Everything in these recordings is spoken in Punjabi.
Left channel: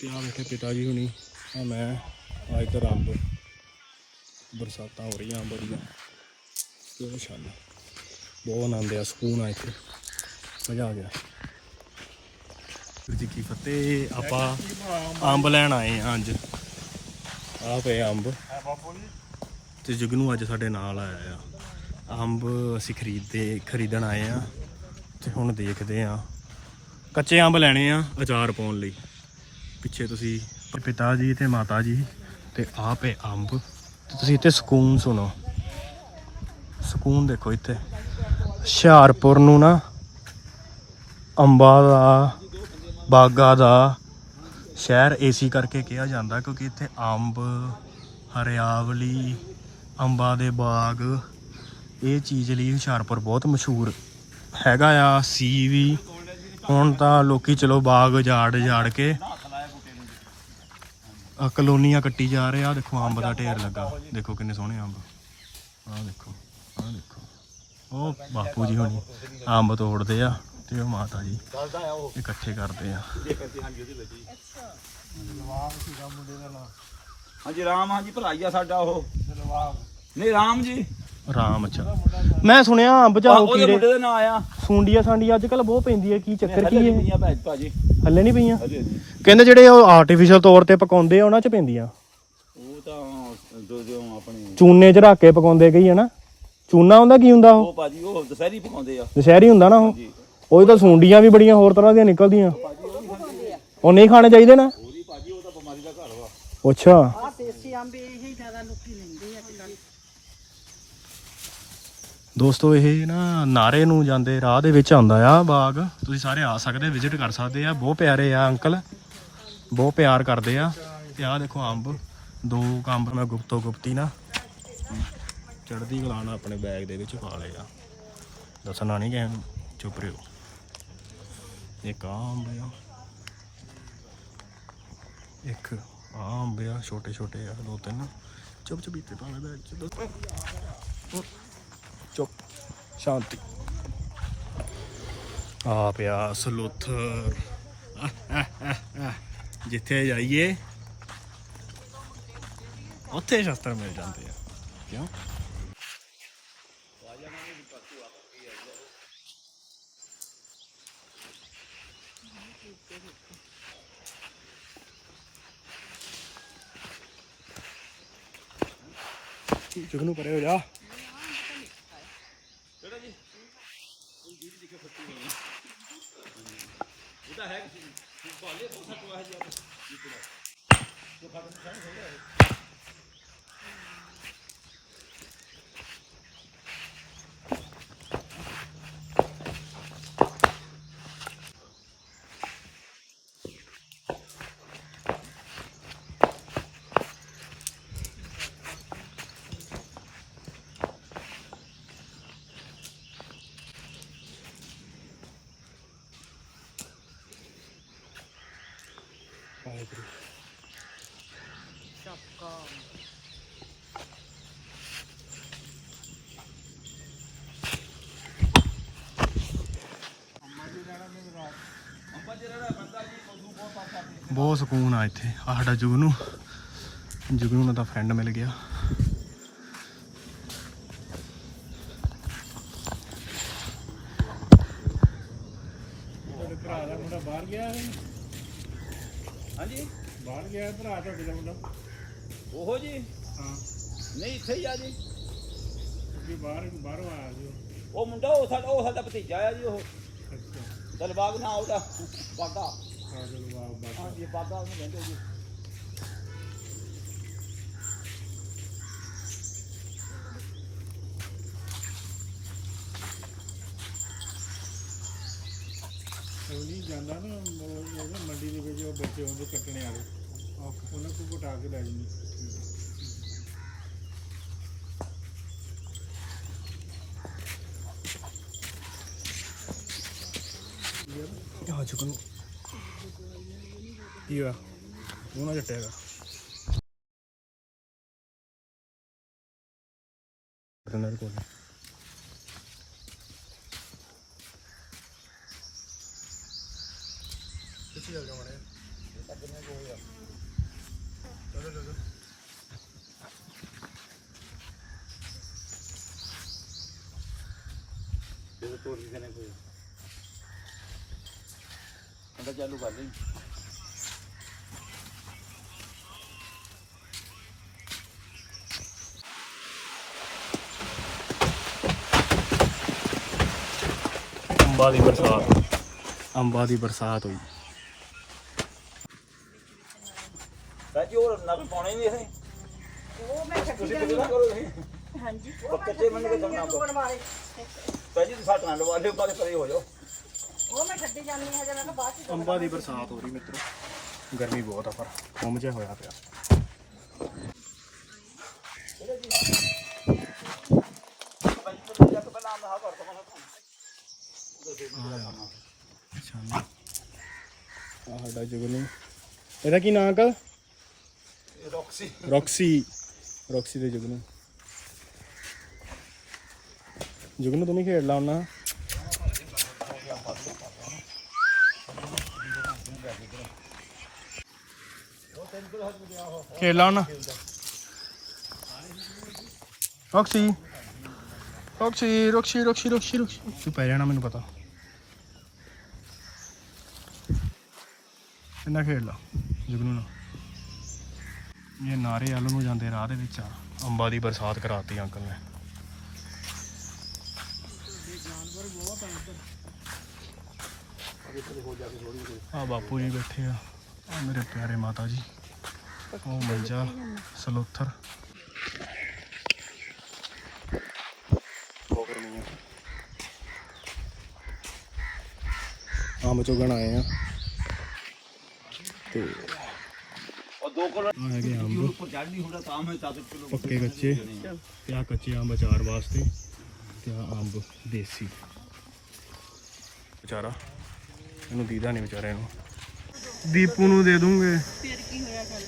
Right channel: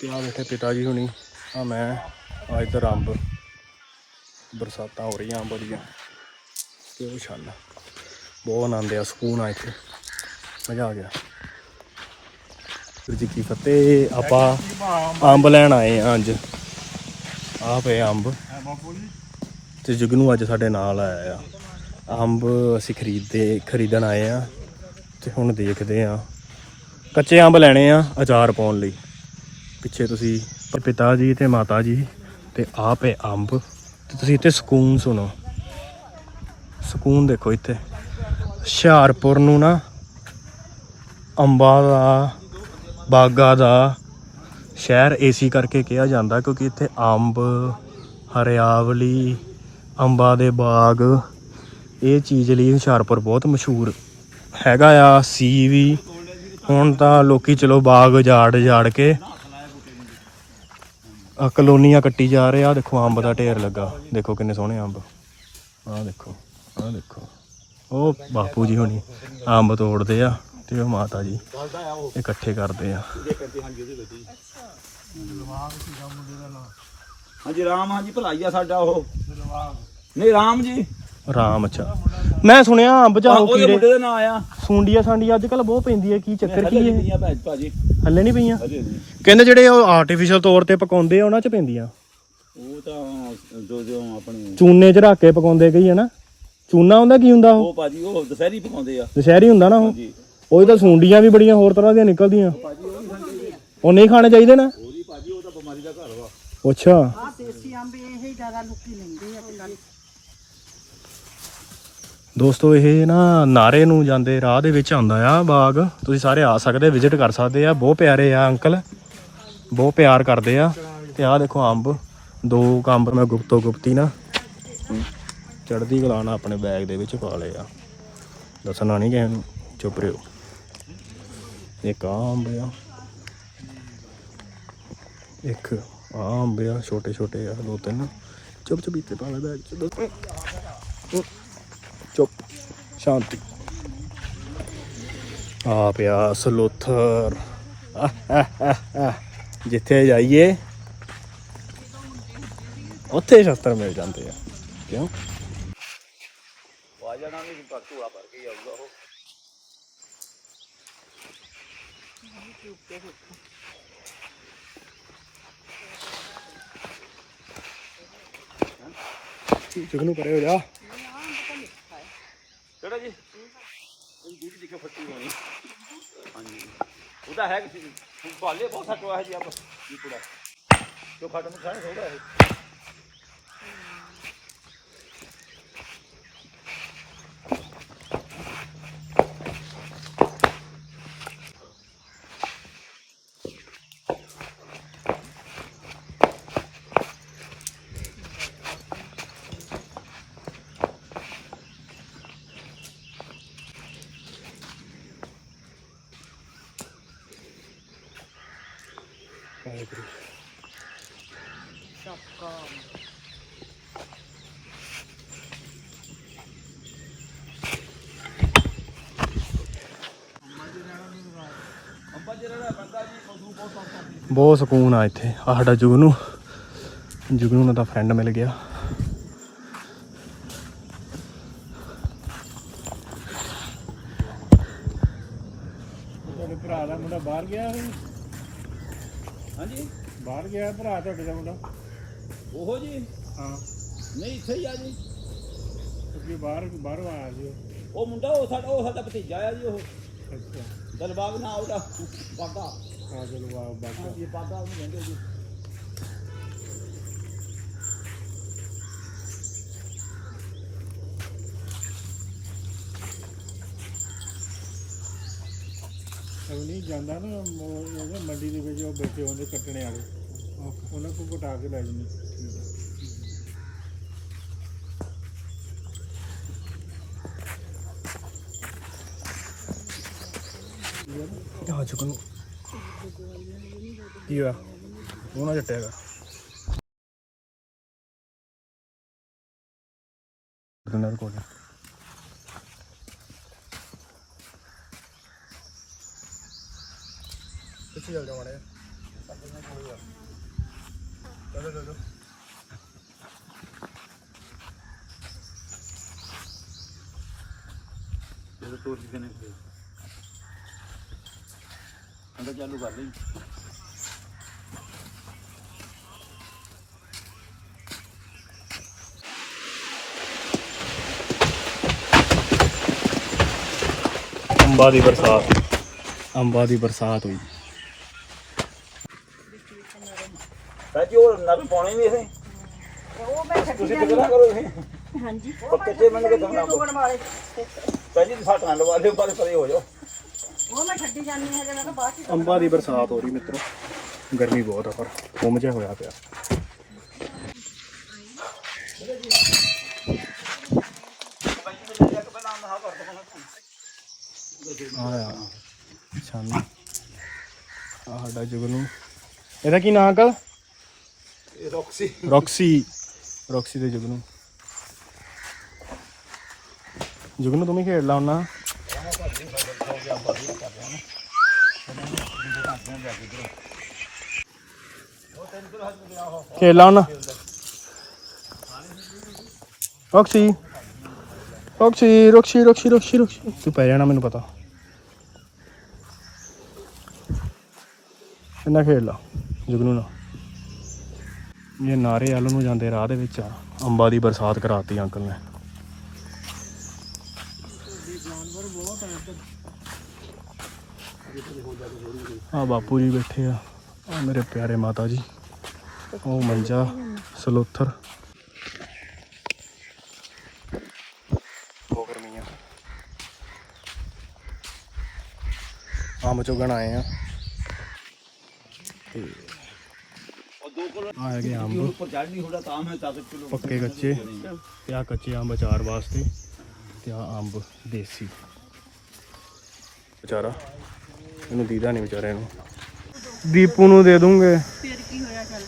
ਤੇ ਆ ਬੈਠੇ ਪਿਤਾ ਜੀ ਹੁਣੀ। ਆ ਮੈਂ ਆ ਇੱਧਰ ਅੰਬ, ਬਰਸਾਤਾਂ ਹੋ ਰਹੀਆਂ ਬੜੀਆਂ ਤੇ ਉਹ ਛੱਡ ਬਹੁਤ ਆਨੰਦ ਆ ਸਕੂਨ ਆ ਇੱਥੇ। ਮਜ਼ਾ ਆ ਗਿਆ। ਗੁਰੂ ਜੀ ਕੀ ਫਤਿਹ। ਆਪਾਂ ਅੰਬ ਲੈਣ ਆਏ ਆ ਅੱਜ। ਆ ਪਏ ਅੰਬ। ਤੇ ਜਗਨੂ ਅੱਜ ਸਾਡੇ ਨਾਲ ਆਇਆ ਆ। ਅੰਬ ਅਸੀਂ ਖਰੀਦਦੇ ਖਰੀਦਣ ਆਏ ਆ। ਤੇ ਹੁਣ ਦੇਖਦੇ ਆ। ਕੱਚੇ ਅੰਬ ਲੈਣੇ ਆ ਅਚਾਰ ਪਾਉਣ ਲਈ। ਪਿੱਛੇ ਤੁਸੀਂ ਪਿਤਾ ਜੀ ਤੇ ਮਾਤਾ ਜੀ ਤੇ ਆਪ ਹੈ ਅੰਬ। ਤੇ ਤੁਸੀਂ ਇੱਥੇ ਸਕੂਨ ਸੁਣੋ। ਸਕੂਨ ਦੇਖੋ ਇੱਥੇ। ਹੁਸ਼ਿਆਰਪੁਰ ਨੂੰ ਨਾ ਅੰਬਾਂ ਦਾ, ਬਾਗਾ ਦਾ ਸ਼ਹਿਰ ਏਸੀ ਕਰਕੇ ਕਿਹਾ ਜਾਂਦਾ ਕਿਉਂਕਿ ਇੱਥੇ ਅੰਬ, ਹਰਿਆਵਲੀ, ਅੰਬਾਂ ਦੇ ਬਾਗ, ਇਹ ਚੀਜ਼ ਲਈ ਹੁਸ਼ਿਆਰਪੁਰ ਬਹੁਤ ਮਸ਼ਹੂਰ ਹੈਗਾ ਆ। ਸੀ ਵੀ ਹੁਣ ਤਾਂ ਲੋਕੀ ਚਲੋ ਬਾਗ ਜਾੜ ਜਾੜ ਕੇ ਆ ਕਲੋਨੀਆਂ ਕੱਟੀ ਜਾ ਰਹੇ ਆ ਦੇਖੋ ਅੰਬ ਦਾ ਢੇਰ ਲੱਗਾ। ਦੇਖੋ ਕਿੰਨੇ ਸੋਹਣੇ ਅੰਬ। ਆਹ ਦੇਖੋ ਆਹ ਦੇਖੋ। ਉਹ ਬਾਪੂ ਜੀ ਹੋਣੀ ਅੰਬ ਤੋੜਦੇ ਆ ਤੇ ਉਹ ਮਾਤਾ ਜੀ ਇਕੱਠੇ ਕਰਦੇ ਆ। ਹਾਂਜੀ ਰਾਮ ਹਾਂਜੀ ਭਲਾਈ ਆ ਸਾਡਾ ਉਹ। ਨਹੀਂ ਰਾਮ ਜੀ। ਰਾਮ ਅੱਛਾ ਮੈਂ ਸੁਣਿਆ ਅੰਬ ਆਹ, ਚਾਹੋ ਉਹਦੇ ਕੀੜੇ। ਮੁੰਡੇ ਦਾ ਨਾਂ ਆਇਆ ਸੁੰਡੀਆਂ ਸਾਂਡੀਆਂ ਅੱਜ ਕੱਲ ਬਹੁਤ ਪੈਂਦੀ ਹੈ ਕੀ ਚੱਕਰ ਕੀ ਹੈ? ਭਾਜੀ। ਹੱਲੇ ਨਹੀਂ ਪਈਆਂ? ਨਹੀਂ ਕਹਿੰਦੇ ਜਿਹੜੇ ਉਹ ਆਰਟੀਫੀਸ਼ੀਅਲ ਤੌਰ ਤੇ ਪਕਾਉਂਦੇ ਆ ਉਹਨਾਂ 'ਚ ਪੈਂਦੀਆਂ। ਉਹ ਤਾਂ ਜੋ ਜੋ ਆਪਣੇ ਚੂਨੇ 'ਚ ਰੱਖ ਕੇ ਪਕਾਉਂਦੇ ਕਈ ਹਨਾ? ਚੂਨਾ ਹੁੰਦਾ ਕੀ ਹੁੰਦਾ ਉਹ? ਉਹ ਭਾਜੀ ਉਹ ਦੁਸਹਿਰੀ ਪਕਾਉਂਦੇ ਆ। ਦੁਸ਼ਹਿਰੀ ਹੁੰਦਾ ਨਾ ਉਹ? ਜੀ ਉਹ ਤਾਂ ਸੁੰਡੀਆਂ ਵੀ ਬੜੀਆਂ ਹੋਰ ਤਰ੍ਹਾਂ ਦੀਆਂ ਨਿਕਲਦੀਆਂ। ਉਹ ਨਹੀਂ ਖਾਣੇ ਚਾਹੀਦੇ ਨਾ? ਉਹਦੀ ਭਾਜੀ ਉਹ ਤਾਂ ਬਿਮਾਰੀ ਦਾ ਘਰ ਵਾ। ਅੱਛਾ। ਆ ਦੇਸੀ ਅੰਬ ਇਹ ਹੀ ਜ਼ਿਆਦਾ ਲੋਕੀ ਲੈਂਦੇ ਆ ਤੇ ਨਾਲ ਦੋਸਤੋ, ਇਹ ਨਾ ਨਾਰੇ ਨੂੰ ਜਾਂਦੇ ਰਾਹ ਦੇ ਵਿੱਚ ਆਉਂਦਾ ਆ ਬਾਗ। ਤੁਸੀਂ ਸਾਰੇ ਆ ਸਕਦੇ ਵਿਜ਼ਿਟ ਕਰ ਸਕਦੇ ਆ। ਬਹੁਤ ਪਿਆਰੇ ਆ ਅੰਕਲ। ਬਹੁਤ ਪਿਆਰ ਕਰਦੇ ਆ। ਤੇ ਆਹ ਦੇਖੋ ਅੰਬ। ਦੋ ਕੁ ਅੰਬ ਮੈਂ ਗੁਪਤੋ ਗੁਪਤੀ ਨਾ ਚੜਦੀ ਕਲਾ ਨਾਲ ਆਪਣੇ ਬੈਗ ਦੇ ਵਿੱਚ ਪਾ ਲਏ ਆ। ਦੱਸਣਾ ਨਹੀਂ ਕਿਸੇ ਨੂੰ, ਚੁੱਪ ਰਿਓ ਇੱਕ ਆਹ ਅੰਬ ਆ। ਇੱਕ ਆਹ ਅੰਬ ਆ ਛੋਟੇ ਛੋਟੇ ਆ, ਦੋ ਤਿੰਨ। ਚੁੱਪ ਚੁਪੀਤੇ ਪਾ ਲੈ ਬੈਗ ਚ। ਚੁੱਪ ਸ਼ਾਂਤੀ। ਆ ਪਿਆ ਸਲੋਥਰ। ਜਿੱਥੇ ਜਾਈਏ ਉੱਥੇ ਸ਼ਸਤਰ ਮਿਲ ਜਾਂਦੇ ਆ। ਕਿਉਂ? ਆ ਜਾਣਾ ਨਹੀਂ ਪਰਤੂ ਆ ਭਰ ਕੇ ਆਊਗਾ ਉਹ। ਜਗਨੂ ਪਰੇ ਹੋ ਜਾ। ਕਿਹੜਾ ਜੀ? ਇਹ ਜੀ ਦੇਖੋ ਫੱਟੀ ਹੋਣੀ ਹਾਂਜੀ। ਉਹਦਾ ਹੈ ਕਿ ਭਾਲੇ ਬਹੁਤ ਹਟਵਾ ਹੈ ਜੀ ਆਪ। ਜੀ ਪੂਰਾ ਜੋ ਫਟ ਖਾਣਾ ਥੋੜਾ ਹੈ। ਅੰਬਾ ਜਿਹੜਾ ਬਹੁਤ ਸਕੂਨ ਆ ਇੱਥੇ ਆ ਸਾਡਾ ਜੁਗਨੂ। ਜੁਗਨੂ ਨਾਲ ਦਾ ਫਰੈਂਡ ਮਿਲ ਗਿਆ। ਤੁਹਾਡੇ ਭਰਾ ਦਾ ਮੁੰਡਾ ਬਾਹਰ ਗਿਆ ਸੀ। ਹਾਂਜੀ। ਬਾਹਰ ਗਿਆ ਭਰਾ ਤੁਹਾਡੇ ਦਾ ਮੁੰਡਾ? ਉਹੋ ਜੀ। ਹਾਂ। ਨਹੀਂ ਇੱਥੇ ਹੀ ਆ ਜੀ। ਕਿਉਂਕਿ ਬਾਹਰ ਬਾਹਰੋਂ ਆਇਆ ਸੀ ਉਹ। ਉਹ ਮੁੰਡਾ ਉਹ ਸਾਡਾ ਉਹ ਸਾਡਾ ਭਤੀਜਾ ਆ ਜੀ ਉਹ। ਅੱਛਾ। ਦਲਬਾਗ ਨਾ ਉਹਦਾ। ਬਾਗਾ ਆ ਚਲੋ ਵਾਹ ਬਾਕਾ ਜੀ ਬਾਗਾ ਉਹਨੂੰ ਕਹਿੰਦੇ ਜੀ। ਉਹ ਨਹੀਂ ਜਾਂਦਾ ਨਾ ਉਹ ਨਾ ਮੰਡੀ ਦੇ ਵਿੱਚ ਉਹ ਬੈਠੇ ਹੁੰਦੇ ਕੱਟਣੇ ਵਾਲੇ। ਉਹਨਾਂ ਕੋਲ ਘਟਾ ਕੇ ਲੈ ਜਾਂਦੇ। ਆ ਜੁਗਨੂ ਕੀ ਹੋਇਆ? ਉਹ ਨਾ ਜੱਟਿਆਗਾ ਜੁਗਨੂ ਕੋਲ ਪਿੱਛੇ ਚੱਲ ਜਾ ਮਾੜਾ ਜਿਹਾ। ਇਹ ਤੋੜ ਦਿੰਦੇ ਨੇ ਫਿਰ ਅੰਦਰ ਚਾਲੂ ਕਰ ਦੇ। ਅੰਬਾਂ ਦੀ ਬਰਸਾਤ। ਅੰਬਾਂ ਦੀ ਬਰਸਾਤ ਹੋਈ। ਸਾਜੀ ਉਹ ਨਰ ਪਾਉਣੇ ਨਹੀਂ ਇਹ ਉਹ ਮੈਂ ਛੱਡੀ ਤੁਸੀਂ ਫਿਕਰ ਨਾ ਕਰੋ ਹਾਂਜੀ। ਮੰਨ ਤੁਸੀਂ ਫਟ ਨਾ ਲਵਾ ਲਿਓ ਪਰ ਪਰੇ ਹੋ ਜਾਓ। ਉਹ ਮੈਂ ਛੱਡੀ ਜਾਂਦੀ ਹੈ ਜਨਾ ਤਾਂ ਬਾਅਦ ਚ ਅੰਬਾਂ ਦੀ ਬਰਸਾਤ ਹੋ ਰਹੀ ਮਿੱਤਰੋ। ਗਰਮੀ ਬਹੁਤ ਆ ਪਰ ਗੁੰਮ ਜਿਹਾ ਹੋਇਆ ਪਿਆ। ਆਇਆ ਛਾਨਾ ਆ ਸਾਡਾ ਜੁਗਨੂ। ਇਹਦਾ ਕੀ ਨਾਂ ਅੰਕਲ? ਰੌਕਸੀ ਰੌਕਸੀ ਰੌਕਸੀ ਦੇ ਜੁਗਨੂ। ਜੁਗਨੂ, ਤੂੰ ਵੀ ਖੇਡ ਲਾ ਹੁਣਾ ਖੇਡ ਲਾ ਹੁਣਾ Roxy Roxy Roxy Roxy Roxy Roxy ਤੂੰ ਪੈ ਜਾਣਾ, ਮੈਨੂੰ ਪਤਾ। ਇੰਨਾ ਖੇਡ ਲਾ, ਜੁਗਨੂ ਨਾਲ। ਇਹ ਨਾਰੇ ਵੱਲ ਨੂੰ ਜਾਂਦੇ ਰਾਹ ਦੇ ਵਿੱਚ। ਆ ਅੰਬਾਂ ਦੀ ਬਰਸਾਤ ਕਰਾਤੀ ਅੰਕਲ ਨੇ। ਆ ਬਾਪੂ ਜੀ ਬੈਠੇ ਆ। ਆ ਮੇਰੇ ਪਿਆਰੇ ਮਾਤਾ ਜੀ। ਉਹ ਮੰਜਾ ਸਲੋਥਰ। ਆਮ ਚੁਗਣ ਆਏ ਆ। ਤੇ 2 ਕਿਲੋ ਆ ਹੈਗੇ ਅੰਬ ਉੱਪਰ ਚੜ ਨਹੀਂ ਹੁੰਦਾ ਤਾਂ ਮੈਂ ਤਾਕਤ ਕਿਲੋ ਪੱਕੇ ਕੱਚੇ। ਤੇ ਆ ਕੱਚੇ ਅੰਬ ਅਚਾਰ ਵਾਸਤੇ ਤੇ ਆ ਅੰਬ ਦੇਸੀ। ਵਿਚਾਰਾ। ਇਹਨੂੰ ਦੀਦਾ ਨਹੀਂ ਵਿਚਾਰੇ ਨੂੰ। ਦੀਪੂ ਨੂੰ ਦੇ ਦੂੰਗੇ। ਫਿਰ ਕੀ ਹੋਇਆ ਚੱਲ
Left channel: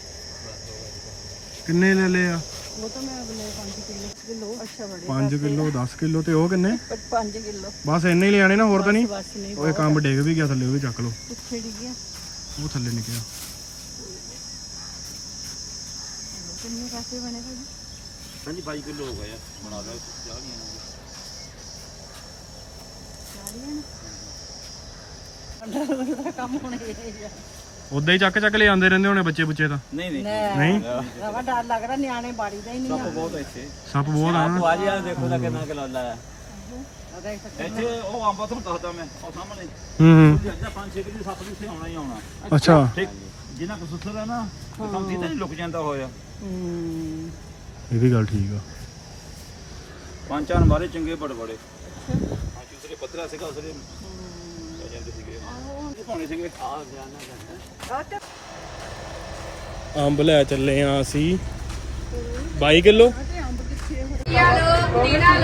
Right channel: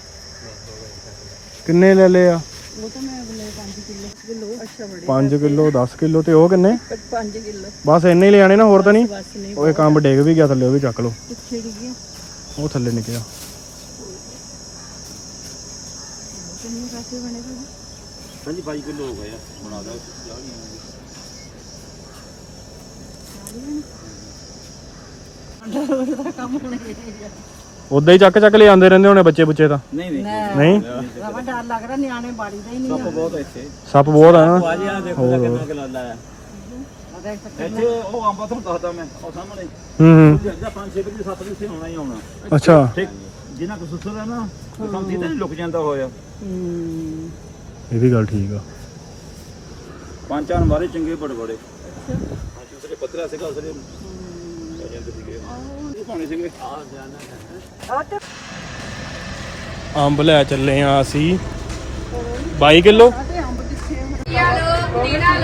ਕਿੰਨੇ ਲੈ ਲਏ ਆ? ਉਹ ਤਾਂ ਮੈਂ ਅਗਲੇ 5 ਕਿਲੋ। ਕਿਲੋ? ਅੱਛਾ ਬੜੇ 5 ਕਿਲੋ 10 ਕਿਲੋ ਤੇ ਉਹ ਕਿੰਨੇ? 5 ਕਿਲੋ। ਬਸ ਇੰਨੇ ਹੀ ਲਿਆਣੇ ਨਾ ਹੋਰ ਤਾਂ ਨਹੀਂ? ਉਹ ਇੱਕ ਅੰਬ ਡਿੱਗ ਵੀ ਗਿਆ ਥੱਲੇ ਉਹ ਵੀ ਚੱਕ ਲਓ। ਕਿੱਥੇ ਗਿਆ? ਉਹ ਥੱਲੇ ਨਿਕਲਿਆ। ਕਿੰਨੇ ਪੈਸੇ ਬਣੇ ਤੁਹਾਡੇ ਹਾਂਜੀ 22 ਕਿਲੋ ਹੋ ਗਿਆ ਬਣਾ ਦਾ ਚਾਹ ਨਹੀਂ ਆਉਂਦੀ ਦਾ ਕੰਮ ਹੋਣਾ ਚਾਹੀਦਾ ਉਦਾਂ ਹੀ ਚੱਕ ਚੱਕ ਲੈ ਆਉਂਦੇ ਰਹਿੰਦੇ ਹੋਣੇ ਬੱਚੇ ਬੁੱਚੇ ਤਾਂ। ਨਹੀਂ ਨਹੀਂ। ਨਹੀਂ? ਰਵਾ ਡਰ ਲੱਗ ਰਿਹਾ ਨਿਆਣੇ ਬਾੜੀ ਦਾ ਹੀ ਨਹੀਂ ਸੱਪ ਬਹੁਤ ਇੱਥੇ। ਸੱਪ ਬਹੁਤ ਆ। ਨਾ ਆ ਦੇਖੋ ਤਾਂ ਕਿੰਨਾ ਕਿਲੋ ਲਾਇਆ ਆ। ਦੇਖ ਸਕਦੇ ਇੱਥੇ ਉਹ ਅੰਬਾ ਤੁਹਾਨੂੰ ਦੱਸਦਾ ਮੈਂ ਉਹ ਸਾਹਮਣੇ। ਹੂੰ ਹੂੰ। ਜਿਹੜਾ ਪੰਜ ਛੇ ਵਜੇ ਸੱਪ ਦੇ ਇੱਥੇ ਆਉਣਾ ਹੀ ਆਉਣਾ। ਅੱਛਾ। ਠੀਕ। ਜਿੰਨਾ ਕੁ ਸੁਸਰ ਹੈ ਨਾ ਉਹ ਕੰਮ ਸੀ ਤਾਂ ਨਹੀਂ ਲੁਕ ਜਾਂਦਾ ਹੋਇਆ। ਹੂੰ। ਇਹ ਵੀ ਗੱਲ ਠੀਕ ਆ। ਪੰਜ ਚਾਰ ਮਾਰੇ ਚੰਗੇ ਬੜੇ ਬੜੇ। ਹਾਂ ਦੂਸਰੇ ਪੱਤਰਾ ਸੀਗਾ ਉਸਲੇ ਕਹਿ ਜਾਂਦੇ ਸੀਗੇ ਇਹ ਪਾਉਣੇ ਸੀਗੇ। ਆ ਜਾਣਾ ਅੰਬ ਲੈ ਚੱਲੇ ਆ ਅਸੀਂ। 22 ਕਿਲੋ? ਤੇ ਅੰਬ ਕਿੱਥੇ ਆ?